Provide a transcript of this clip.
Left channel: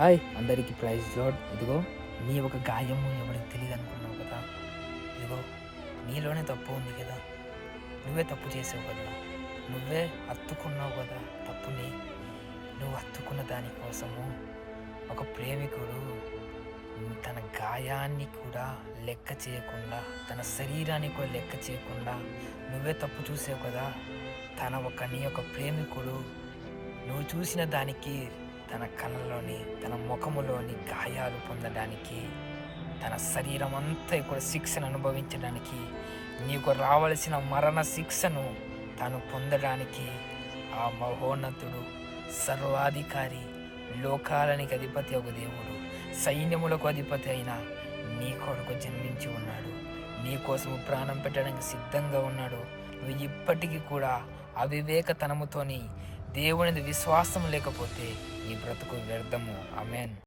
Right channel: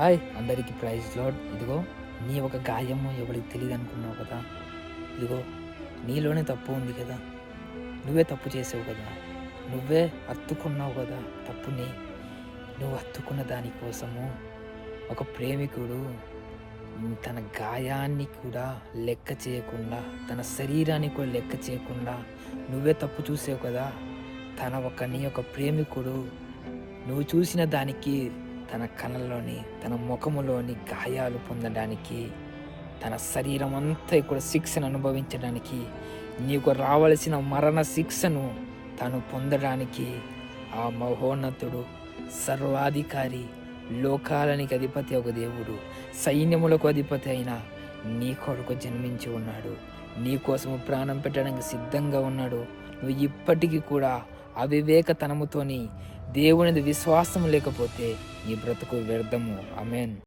Hi అందరికీ praise lord. ఇదిగో నీ ఒక గాయము ఎవరికి తెలియదు అనుకున్నావు కదా. ఇదిగో నీలోనే తప్పు ఉంది కదా. నువ్వే తప్పు చేసావు కదా. నువ్వే హత్తుకున్నావు కదా తప్పుని. నువ్వు హత్తుకున్న దానికోసము ఒక ప్రేమికుడు తన గాయాన్ని కూడా లెక్క చేయకుండా, తన శరీరాన్ని కూడా లెక్క చేయకుండా నువ్వే తప్పు చూసావు కదా. నీ యొక్క ప్రేమికుడు నువ్వు చూసిన దానికి, తన కళ్ళలోని, తన ముఖములోని గాయాలు పొందడానికి, తన శరీరం అంతా కూడా శిక్షను అనుభవించడానికి, నీకు రావలసిన మరణ శిక్షను తను పొందడానికి ఆ మహోన్నతుడు, సర్వాధికారి, లోకాలనికి అధిపతి ఒక దేవుడు, సైన్యములకు అధిపతి అయిన నీ కొరకు జన్మించి ఉన్నాడు. నీ కోసము ప్రాణం పెట్టడానికి సిద్ధంగా ఉన్నాడు. నువ్వు ఇప్పటికీ కూడా అవివేకతనముతోని దేవునిది విశ్వాసం లేకపోతే నీ బ్రతుకు వ్యర్థము. ఆమేన్.